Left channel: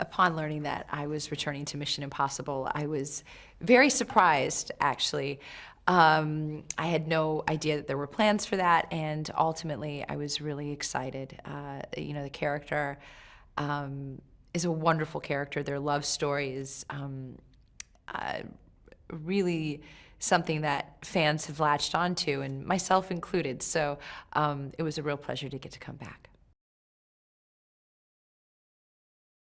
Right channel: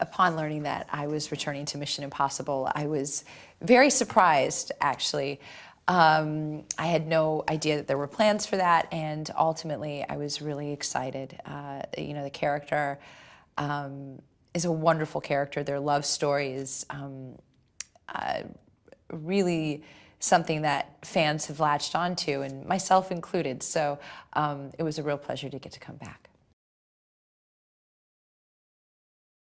upon learning that I was returning to Mission Impossible, I was very surprised, actually. I had no idea that there were plans for that, and ultimately I was really excited. The character is a wonderful character. Their love story is really something that fans have latched onto, and myself included. So it was a real pleasure to get to come back.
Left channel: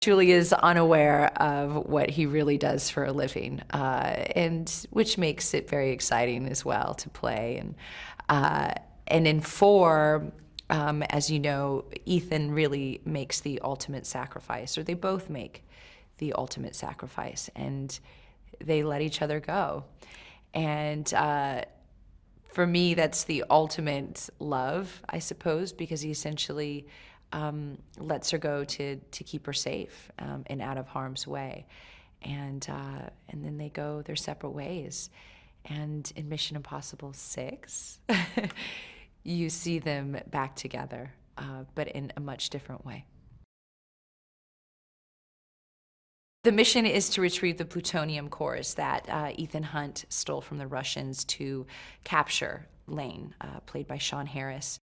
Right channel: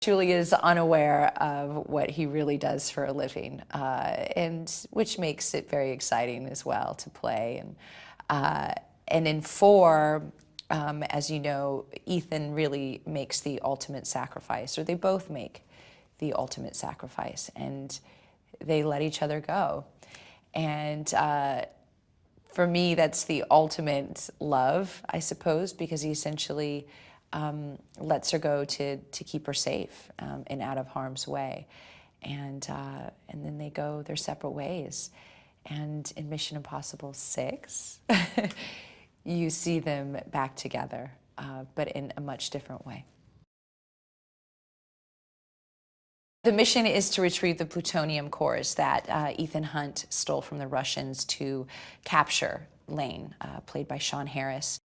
Truly is unaware of what he really does for a living, and which makes it very exciting as well to play. And in 4, as you know, Ethan really makes the ultimate sacrifice, or they both make the ultimate sacrifice, and they let each other go. And for me, that's the ultimate love, I suppose, because he essentially lets her go to keep her safe and out of harm's way. And then they go their separate ways. And in Mission Impossible 6, you see them back together, but in a much different way. The mission is to retrieve the plutonium cores that Ethan Hunt stole from the Russians to capture Lane, played by Sean Harris.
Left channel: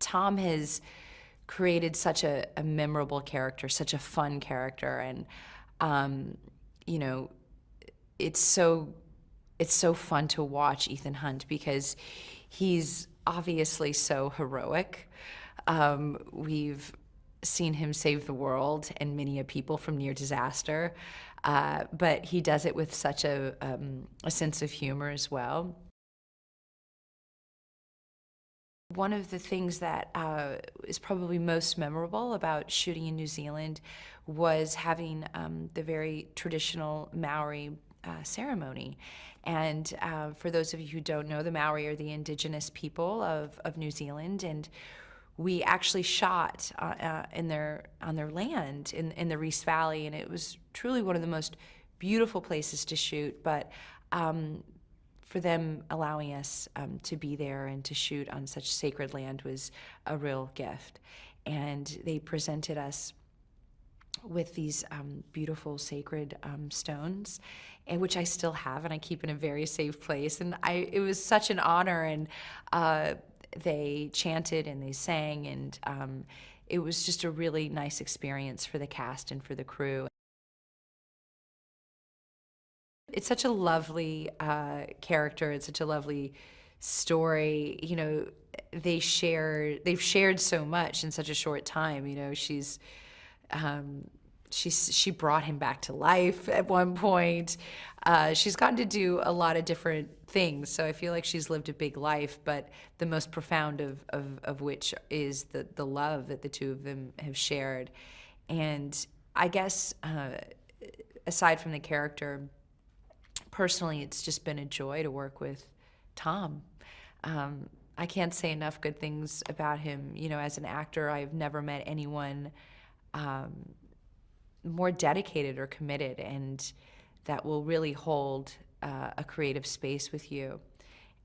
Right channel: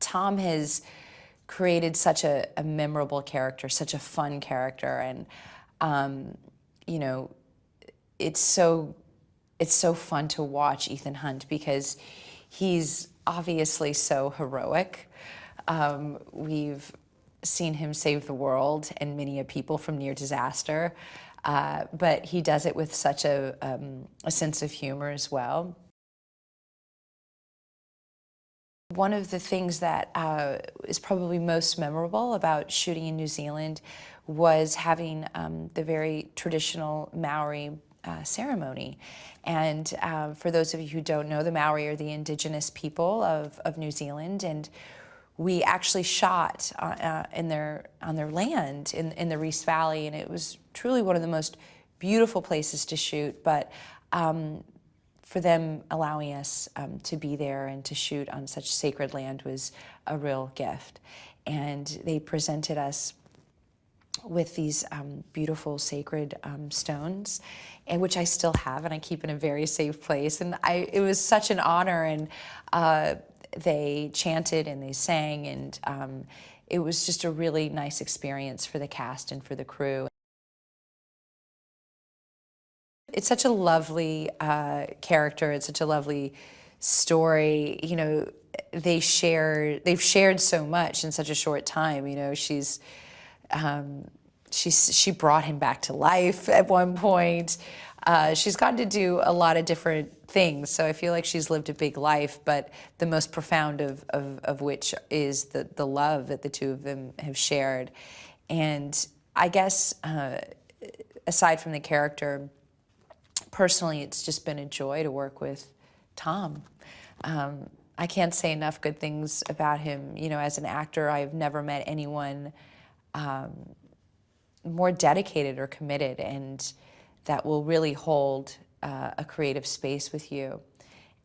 Tom has created such a memorable character, such a fun character, and it's so fun to watch Ethan Hunt because he's obviously so heroic. We've seen him save the world and many a people from near disaster, but he does it with such a sense of humor as well. One of the things that is probably most memorable about shooting in New Zealand was having the very traditional Maori ceremony. And for those of you who don't know, the Maori are the indigenous people of New Zealand, and we actually shot on their land in the Reese Valley, and it was truly one of the most beautiful places to shoot. But for them allowing us to be there and to shoot on such sacred land was a real gift. And they presented us with these beautiful sacred stones, and which I still have and I keep in a very safe place. And it was such an honor, and they chanted and they sang, and it was just a really nice experience for the cast and for the crew. It's such a lovely character. It's such a lovely story. They've shared so much in such a short time. She brought him back to life at one point. She's gotten to do a lot of different things, so I feel like she's lived a big life, but the most profound of which is the love that the two of them have shared. And I guess aside from the character, personally, it's just been a joy to work with Tom. I can't say enough good things about him. As an actor, I've never met anyone more dedicated or committed, and that will really hold a creative space with you.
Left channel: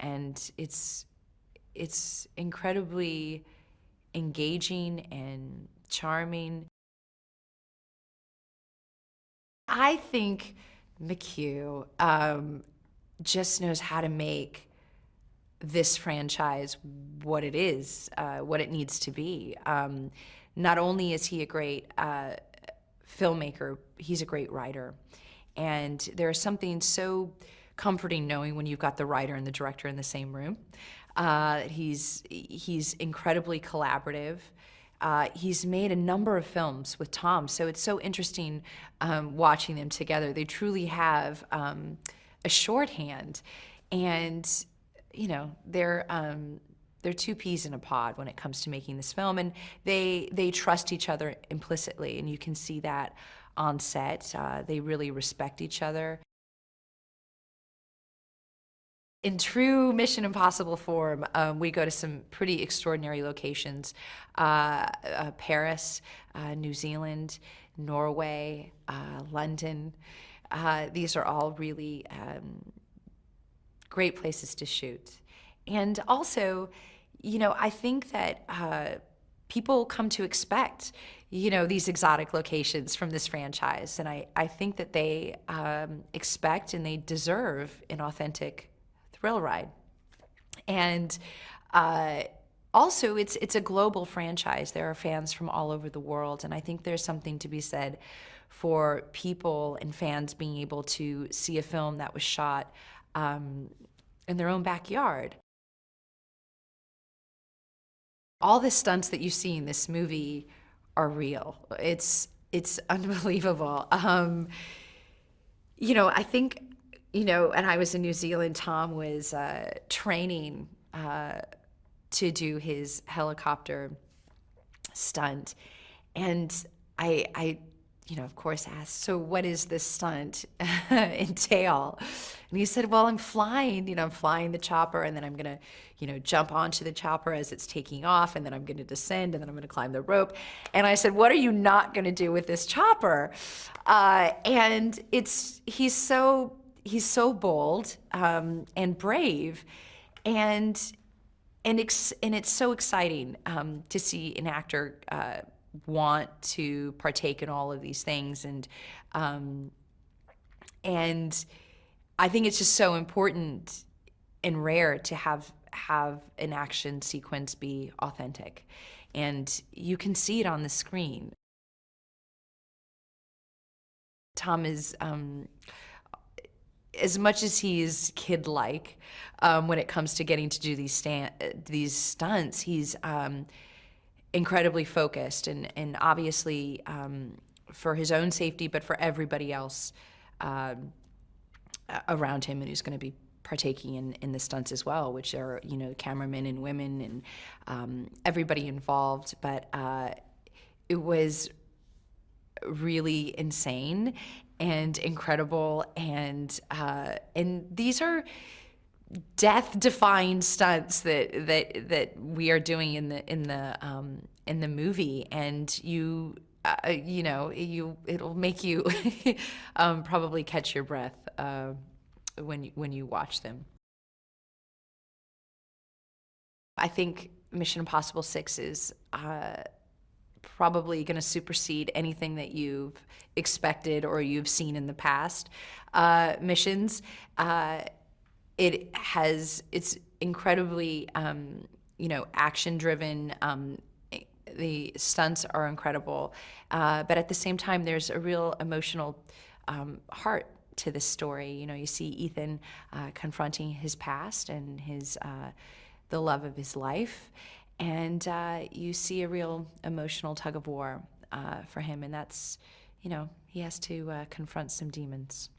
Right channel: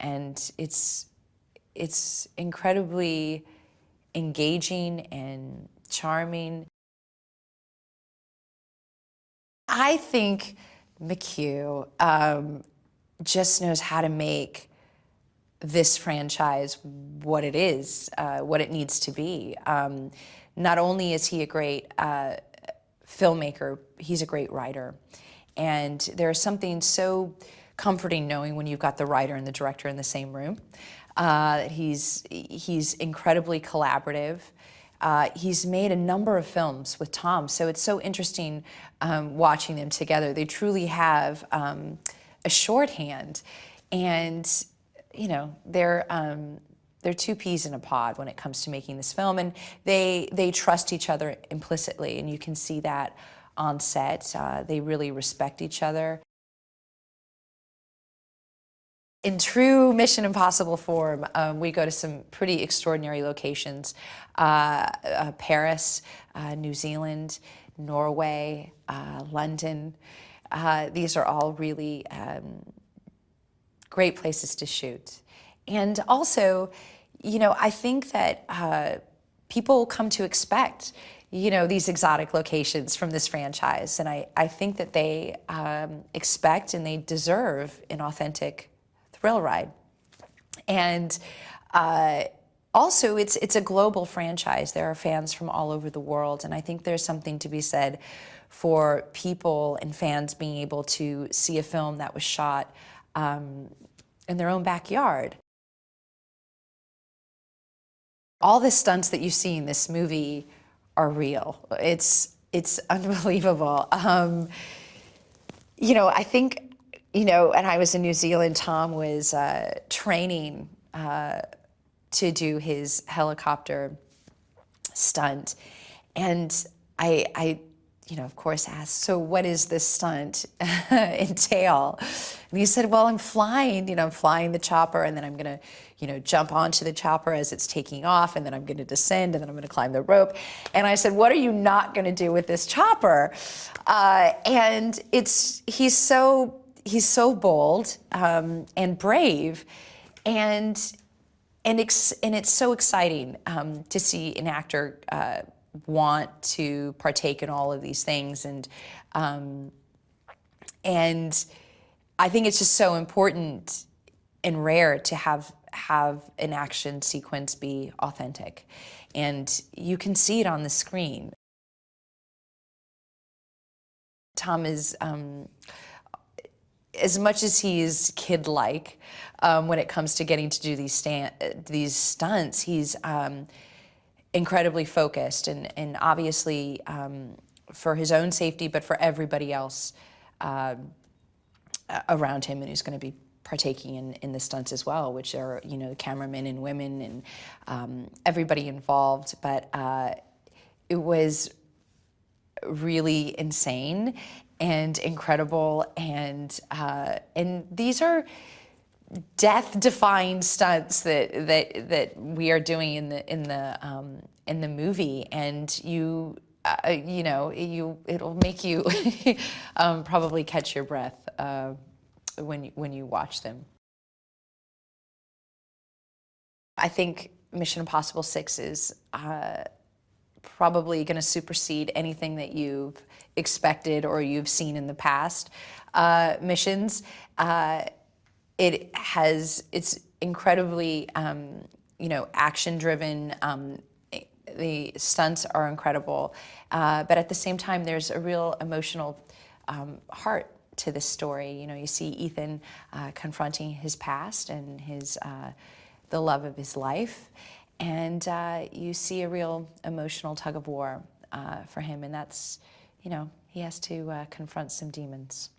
And it's incredibly engaging and charming. I think McHugh just knows how to make this franchise what it is, what it needs to be. Not only is he a great filmmaker, he's a great writer. And there's something so comforting knowing when you've got the writer and the director in the same room. He's incredibly collaborative. He's made a number of films with Tom, so it's so interesting watching them together. They truly have a shorthand, and they're two peas in a pod when it comes to making this film, and they trust each other implicitly, and you can see that on set. They really respect each other. In true Mission Impossible form, we go to some pretty extraordinary locations. Paris, New Zealand, Norway, London. These are all really great places to shoot. And also, I think that people come to expect, you know, these exotic locations from this franchise. And I think that they expect and they deserve an authentic thrill ride. And also, it's a global franchise. There are fans from all over the world, and I think there's something to be said for people and fans being able to see a film that was shot in their own backyard. All the stunts that you see in this movie are real. It's unbelievable. You know, I think, you know, and I was in New Zealand, Tom was training to do his helicopter stunt. And I you know, of course asked, so what is this stunt entail? And he said, well, I'm flying, you know, I'm flying the chopper, and then I'm gonna, you know, jump onto the chopper as it's taking off, and then I'm gonna descend, and then I'm gonna climb the rope. And I said, what are you not gonna do with this chopper? And he's so bold and brave, and it's so exciting to see an actor want to partake in all of these things, and I think it's just so important and rare to have an action sequence be authentic, and you can see it on the screen. Tom is, as much as he's kid-like when it comes to getting to do these stunts, he's incredibly focused, and obviously for his own safety, but for everybody else around him, and who's going to be partaking in the stunts as well, which are, you know, cameramen and women and everybody involved. But it was really insane and incredible, and these are death-defying stunts that we are doing in the movie, and you know, it'll make you probably catch your breath when you watch them. I think Mission Impossible 6 is probably going to supersede anything that you've expected or you've seen in the past missions. It's incredibly, you know, action-driven. The stunts are incredible, but at the same time, there's a real emotional heart to this story. You know, you see Ethan confronting his past and the love of his life, and you see a real emotional tug of war for him, and that's, you know, he has to confront some demons.